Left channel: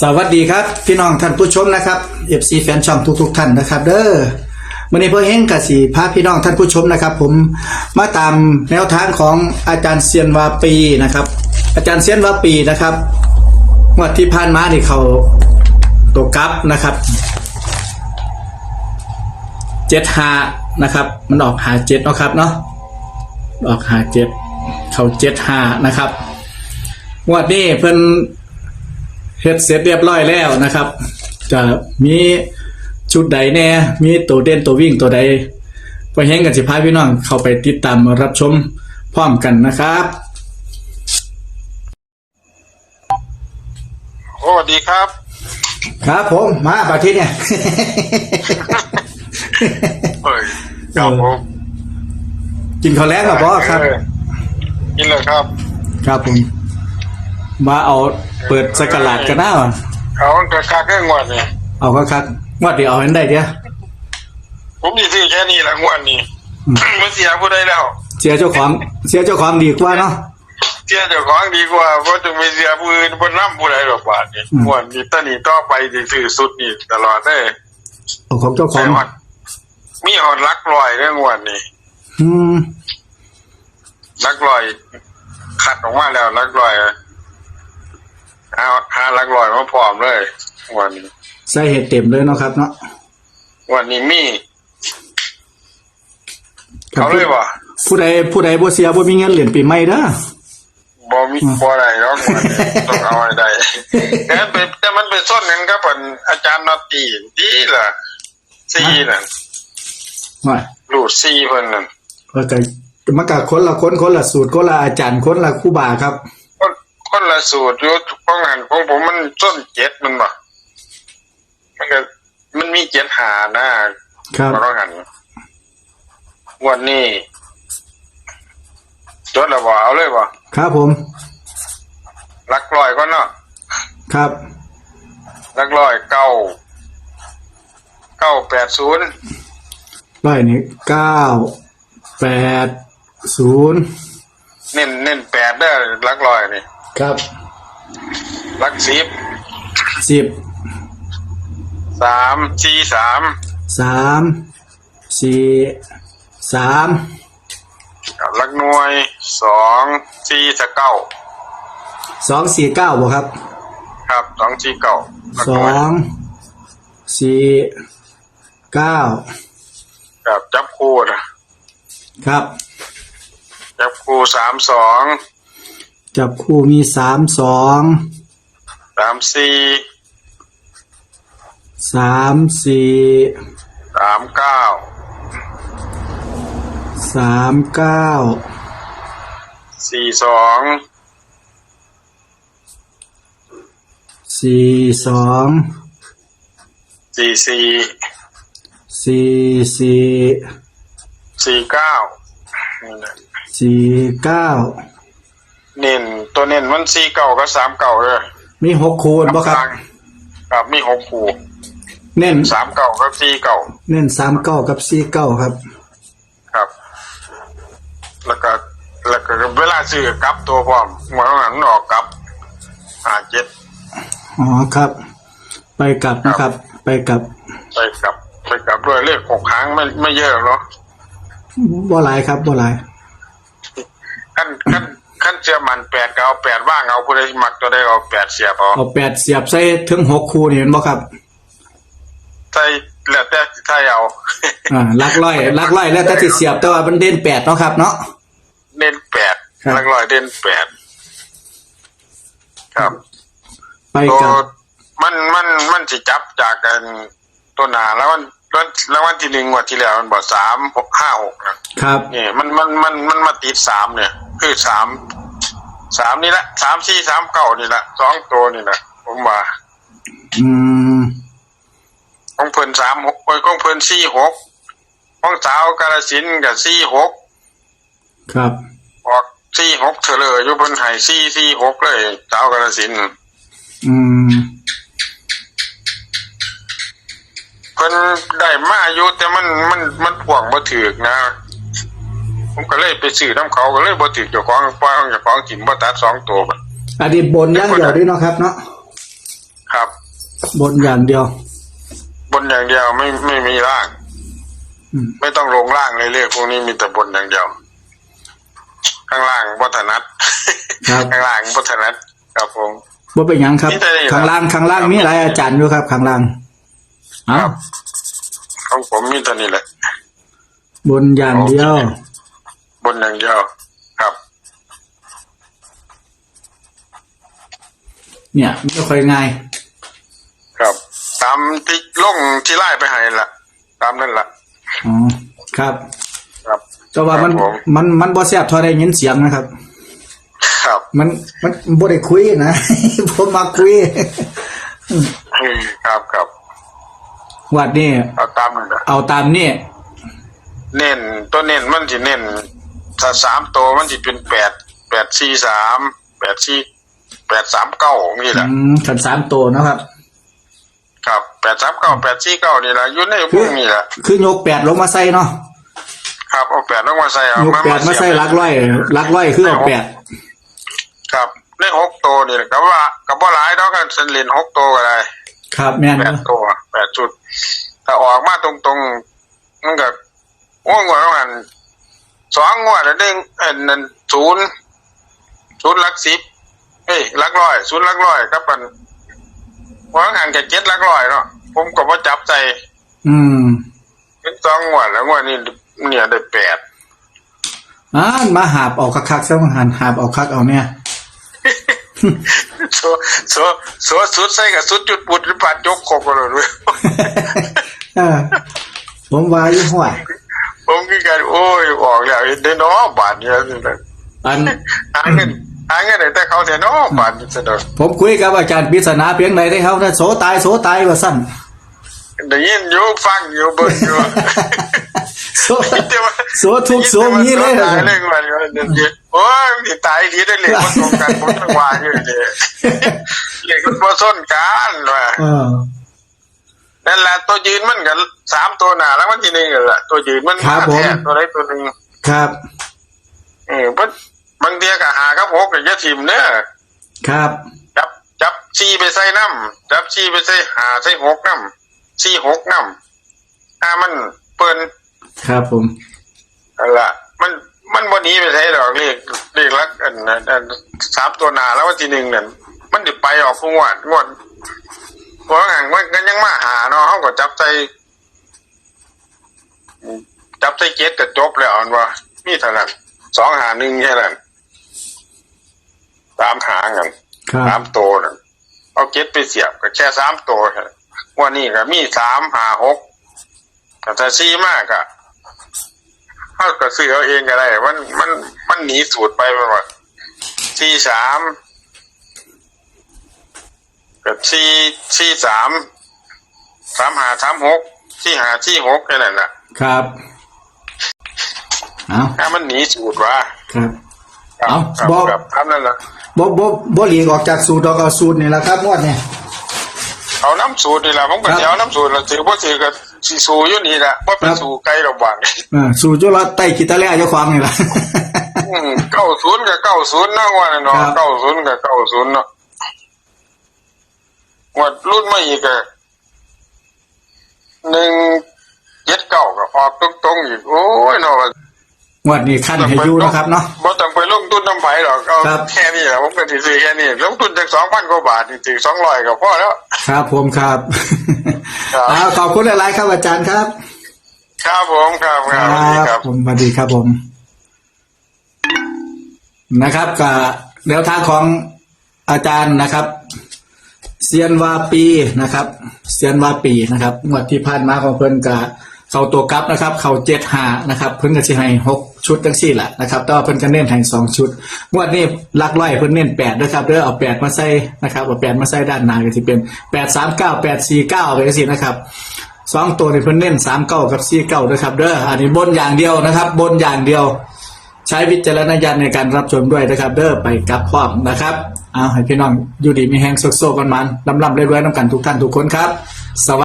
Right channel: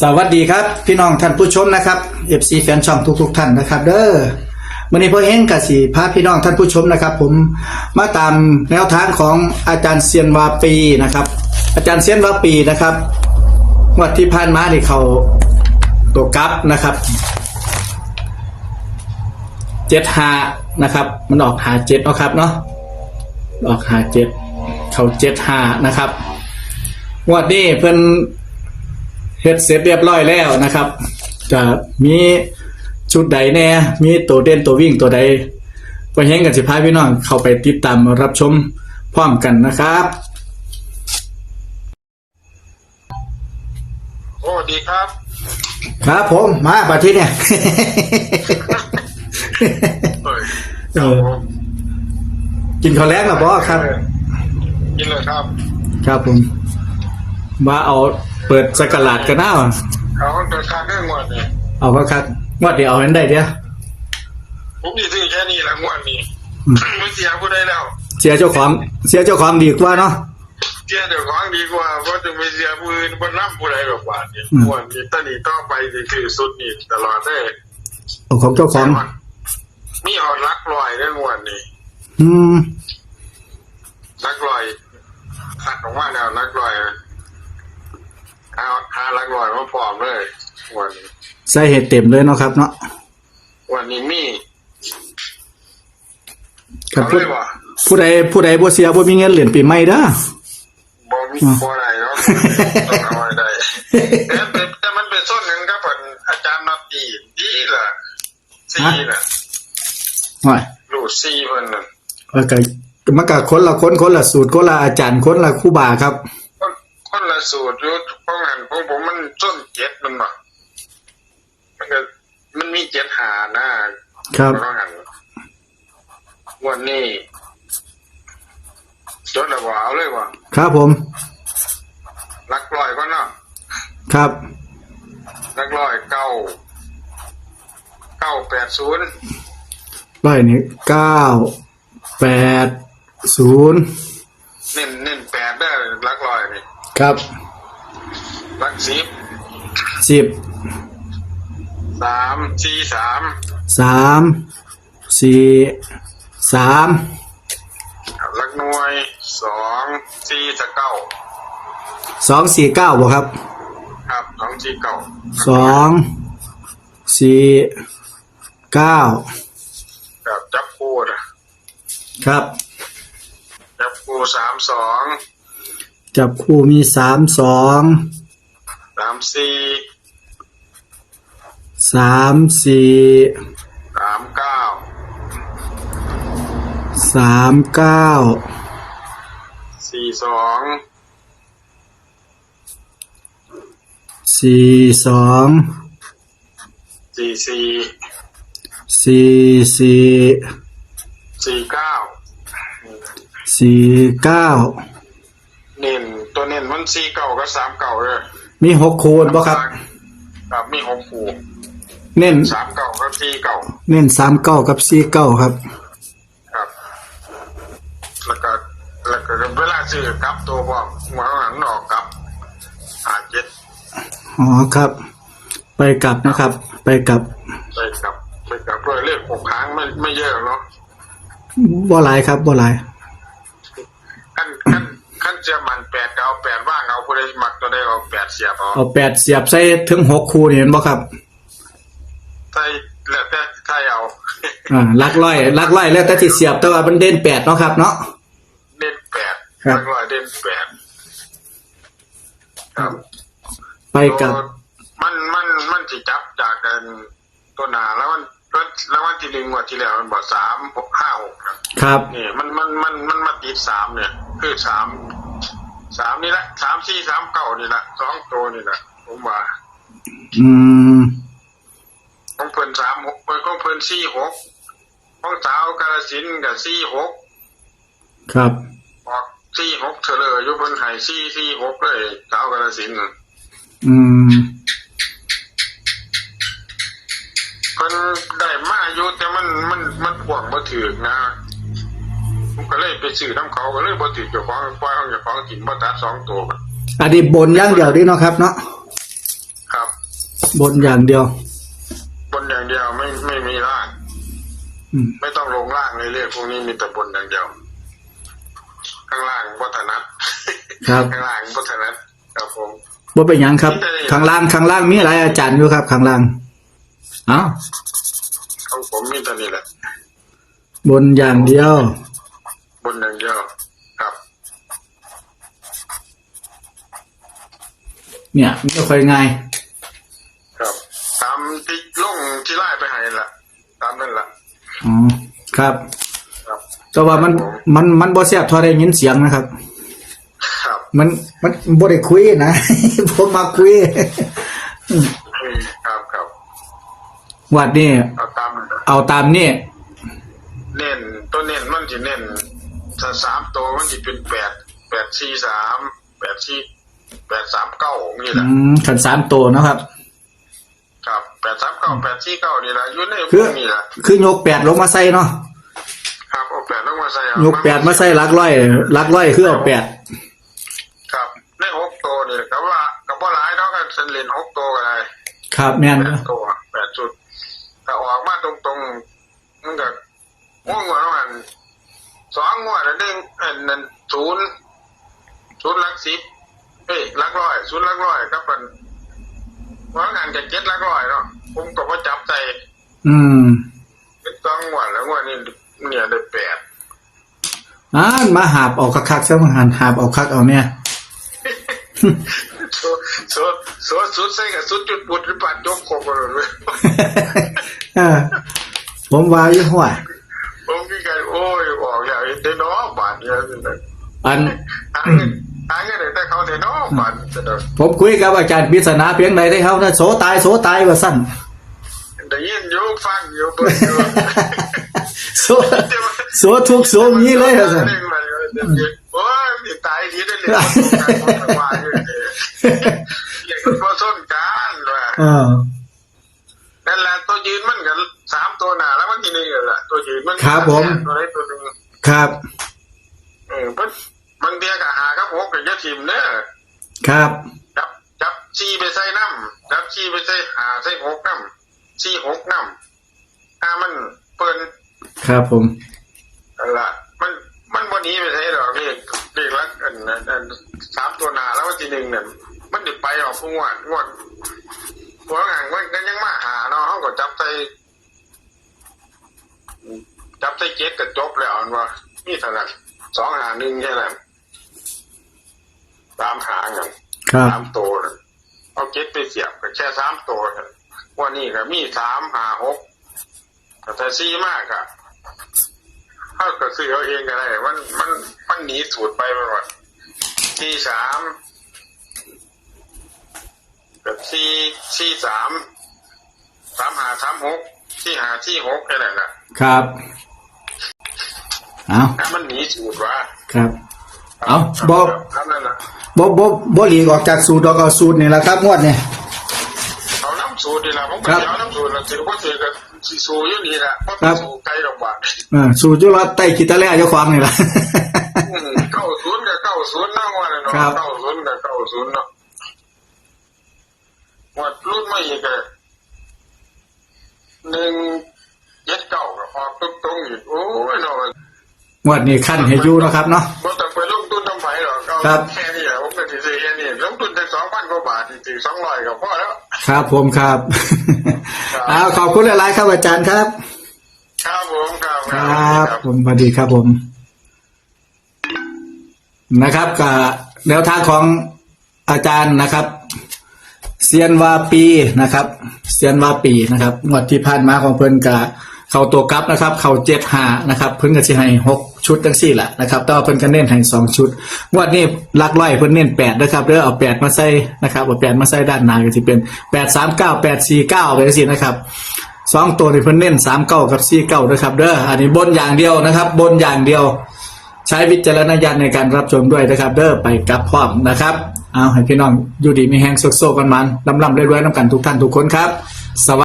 สวัสดีครับ พี่น้องท่านผู้ชมนะครับ FC แฟนช่องทุก ๆ ท่านนะครับ เด้อวันนี้พ่อเฮงกับสีพาพี่น้องท่านผู้ชมนะครับ ผมมาตามแนวทางของอาจารย์เซียนวาปีนะครับ อาจารย์เซียนวาปีนะครับวัดที่ผ่านมานี่เขาตัวกลับนะครับเจ็ดหานะครับ มันออกหาเจ็ดนะครับเนาะออกหาเจ็ดเขาเจ็ดหานะครับงวดนี้เพิ่อน ฮ็ดเสร็จเรียบร้อยแล้วนะครับจะมีชุดใดแน่ มีตัวเด่นตัววิ่งตัวใดไปแห้งกันสิพาพี่น้องเข้าไปติดตามรับชมพร้อมกันนะครับโอ้สวัสดีครับ ครับผมมาปาที่เนี่ยเฮ้ยครับผมกินข้าวแล้วครับพ่อครับเออกินเลยครับ ครับผม มาเอาเปิดสกราดกันหน้าว่ะเอากระคาแค่งวดนี่เอาก็ครับงวดเดียวเอาอันได้เดียวผมมีซื้อแค่นี้ละงวดนี้อืมไม่เสียผู้ใดแล้ว เสียเจ้าของเสียเจ้าของดีกว่าเนาะเสียเจ้าของดีกว่าเพราะจะไม่เสียผู้อื่นบนน้ำผู้ใดหรอกบาทนี่อืมงวดนี้ตอนนี้ต่อไปสิซื้อสุดนี่ตลอดได้เอาของเจ้าขอใช่งว่ามีหอดลักลอยเรื่องงวดนี้อืมลักลอย ขัดออกมาแล้วลักลอย หาหาลักลอยมาพร้อมเลยงวันนี้ใส่เห็ดเต็มเลยเนาะครับเนาะงวันนี้มีเอาเลยวะผู้ใดผู้ใดบ่เสียบ่มีเงินเหรียญปีใหม่เด้อบ่มีบ่ได้หรอกมันต้องเอาให้ได้แต่มันเป็นแต่มันเป็นส้นหยังครับเพิ่นอาจารย์นอตตีดีล่ะซีนั่นว่ารูดซีเพิ่นนั่นแล้วก็มันก็คนละคนคนละสูตรคนละอาจารย์คนละครูบาครับ คนคนละสูตรอยู่ของหันของผมมันส้นเจ็ดมันบ่มันก็มันมีเจ็ดหานะครับของหันงวันนี้จดแล้วบ่เอาเลยบ่ครับผมลักลอยก่อนเนาะครับลักลอยเก้าเก้าแปดศูนย์ร้อยนี้เก้าแปดศูนย์เน้นเน้นแปดเด้อลักลอยนี่ ครับลักสิบสิบสามสี่สามสามสี่สามลักหน่วยสองสี่สะเก้าสองสี่เก้าบ่ครับ ครับสองสี่เก้าลักสหน่อวยงสี่เก้าครับจับคู่นะครับ จับคู่สามสอง จับคู่มีสามสองสามสี่สามสี่สามเก้าสามเก้าสี่สองสี่สองสี่สี่สี่สี่สี่เก้านี่นะสี่เก้า เน้นตัวเน้นมันสี่เก้ากับสามเก้าเลยมีหกคูณบ่ครับ ครับมีหกคู่เน้นสามเก้ากับสี่เก้าเน้นสามเก้ากับสี่เก้าครับ ครับ แล้วก็แล้วก็เวลาซื้อกลับตัวพร้อมหัวหันออกกลับหาเจ็ดอ๋อครับ ไปกลับนะครับ ไปกลับ ไปกลับ ไปกลับด้วยเลขหกครั้งไม่ไม่เยอะเนาะบ่หลายครับบ่หลายขั้นขั้น ขั้นเสียมันแปดก็เอาแปดว่างเอาผู้ใดมักตัวใดก็เอาแปดเสียบเอาเอาแปดเสียบใส่ถึงหกคูนี่เห็นบ่ครับใช่แล้วแต่ใช่เอาอ่าลักร้อยลักร้อยแล้วก็สิเสียบแต่ว่ามันเด่นแปดเนาะครับ เนาะเน้นแปดครับลักลอยเด่นแปดครับไปตัวกลับมันมันมันสิจับจากกันตัวหนาแล้วมันแล้วแล้ววันที่หนึ่งงวันที่แล้วมันบอกสามหกห้าหกนะครับนี่มันมันมันมันมาติดสามเนี่ย คือสามสามนี่แหละสามสี่สามเก้านี่แหละสองตัวนี่แหละผมว่าอืมของเพิ่นสามหกเอ้ยของเพิ่นสี่หกของสาวกาลสินธุ์กับสี่หกครับออกสี่หกเฉลยอยู่เพิ่นให้สี่สี่หกเลยสาวกาลสินธุ์อืมเพิ่นได้มาอยู่แต่มันมันมันพ่วงบ่ถือกนะ ผมก็เลยไปซื้อน้ำเขาก็เลยบ่ถือเจ้าของปล่อยของเจ้าของถิ่มบ่ตัดสองตัวบัดอันนี้บนอย่างเดียวด้วยเนาะครับ เนาะครับ บนอย่างเดียว บนอย่างเดียวไม่ไม่มีล่าง อืมไม่ต้องลงล่างเลยเรียกพวกนี้มีแต่บนอย่างเดียว ข้างล่างวัฒนัด ครับข้างล่างวัฒนัดครับผม บ่เป็นหยังครับ นี่ได้อยู่ข้างล่างข้างล่างมีหลายอาจารย์อยู่ครับ ข้างล่างเอ้าของผมมีตัวนี้แหละ บนอย่างเดียวบ นอย่างเดียวครับ เนี่ยไม่ค่อยง่ายครับ ตามที่ลงที่ไล่ไปให้ละตามนั่นละอ๋อครับ ครับแต่ว่ามัน ครับผมมันมันบ่แซ่บเท่าได้ยินเสียงนะครับ ครับมันมันบ่ได้คุยนะ ผมมาคุยอืมครับครับวัดนี่เอาตามนั่นละเอาตามนี่เน้นตัวเน้นมันจะเน้น ถ้าสามตัวมันจะเป็นแปดแปดสี่สามแปดสี่แปดสามเก้านี่แหอืละมขันสามตัวเนาะครับ ครับแปดสามเก้าแปดสี่เก้านี่แหละอยู่ในพวกนี้แหละคือยกแปดลงมาใส่เนาะครับเอาแปดลงมาใส่เอายกแปดมาใส่หลักร้อยหลักร้อยคือเอาแปดครับในหกตัวนี่แหละครับว่ากับว่าหลายเท่ากันเส้นเลนหกตัวก็ได้ครับแม่นแปดเนาะตัวแปดจุด ถ้าออกมาตรงๆมันก็ง่วงกว่าประมาณ สองงวดแล้วเด้งเอ็นนั่นศูนย์ศูนย์หลักสิบเอ้ยหลักร้อยศูนย์หลักร้อยครับมันวางหันกับเจ็ดหลักร้อยเนาะผมก็ว่าจับใจ อืม เป็นสองงวดแล้วงวดนี้เนี่ยได้แปดอ่ามาหาบเออกคักๆซะมาหันหาบเออกคักเอาเนี่ยโซโซโซสุดใส่กับสุดจุดปุดหรือปัดยกโคกกันเลยเออผมว่าอยู่หัว ผมคือการโอ้ยออกแล้วเด้น้อบาทเนี่ยสิอันหาเงินหาเงินแต่เขาเสียน้อบาทเสนอผมคุยกับอาจารย์ปริศนาเพียงใดได้เขานะโสตายโสตายว่าสั้นได้ยินอยู่ฟังอยู่เบิ่งอยู่โสโสทุกโสมีเลยตายเลยมันโอ้ยมันสิตายทีได้เลยบ่ตรงกันผมทั้งว่าอยู่เด้เรียกมันบ่ส้นกันว่าเออ นั่นแหละตัวยืนมันก็สามตัวหน้าแล้วมันทีนึงนั่นแหละตัวยืนมันครัมาบผม แท้ตัวใดตัวหนึงครับ เออเพิ่นบางเทียก็หากับหกก็อย่าทิ่มเด้อครับ จับจับชีไปใส่น้ำจับชีไปใส่หาใส่หกน้ำชีหกน้ำถ้ามันเปิ้นครับผม นั่นละมันมันบนนี้ไปใช้ดอกเรียกเรียกลักอันนั้นอันสามตัวหนาแล้ววันที่หนึ่งเนี่ยมันจะไปออกงวดงวด เพราะงั้นมันก็ยังมาหาเนาะเขาก็จับใจจับใจเกตแต่จบแล้วอันว่ามีเท่านั้นสองหาหนึ่งแค่นั้นสามหางกันครับสามตัวนั่นเอาเก็ตไปเสียบก็แค่สามตัวแค่นั้นวันนี้ก็มีสามหาหกแต่ถ้าซีมากอะเขาก็ซื้อเอาเองก็ได้ มันมันมันหนีสูตรไปมันว่าซีสาม กับซีซีสามสามหาสามหกซีหาซีหกแค่นั้นแหละครับเอาถ้ามันหนีสูตรว่าครับครับเอาครับบอกครับครับนั่นแหละบ่บ่บ่หลีกออกจากสูตรดอกเอาสูตรนี่แหละครับงวดเนี่ยเอาน้ำสูตรนี่แหละผมก็ครับเดี๋ยวน้ำสูตรละถือว่าถือกับสีสูอยู่นี่แหละว่าเป็นสูไกลดอกบางอืมสูตรจุว่าใต้กิตาแล่เจ้าของนี่แหละเก้าศูนย์กับเก้าศูนย์นั่งวันเนาะครับเก้าศูนย์กับเก้าศูนย์เนาะ งวดรุ่นมาอีกอะหนึ่งเจ็ดเก้าก็ออกตรงๆอีก โอ้ยเนาะงวดนี้ขั้นให้อยู่นะครับเนาะบ่ต้องไปลงทุนน้ำไผ่หรอกเอาครับแค่นี้แหละผมก็ถือแค่นี้ลงทุนจากสองพันกว่าบาทนี่ถือสองร้อยก็พอแล้ว ครับผมครับครับเอาขอบคุณหลายๆครับอาจารย์ครับ ครับผมครับคครัรับบครับผมสวัสดีครับผม นะครับกับแนวทางของอาจารย์นะครับ เซียนวาปีนะครับเซียนวาปีนะครับงวดที่ผ่านมาของเพิ่นกะเข้าตัวกลับนะครับ เข้าเจ็ดหานะครับ เพิ่นก็สิให้หกชุดทั้งสี่แหละนะครับแต่ว่าเพิ่นก็เน้นให้สองชุดงวดนี้ลักร้อยเพิ่นเน้นแปดนะครับแล้วเอาแปดมาใส่นะครับเอาแปดมาใส่ด้านหน้าก็สิเป็นแปดสามเก้าแปดสี่เก้าเลยสินะครับสองตัวนี่เพิ่นเน้นสามเก้ากับสี่เก้านะครับเด้ออันนี้บนอย่างเดียวนะครับ บนอย่างเดียว ใช้วิจารณญาณในการรับชมด้วยนะครับเด้อไปกับพร้อมนะครับ เอาให้พี่น้องอยู่ดีมีแห้งโซกๆกันมันลำลำเรื่อยๆน้ำกันทุกท่านทุกคนครับสวัส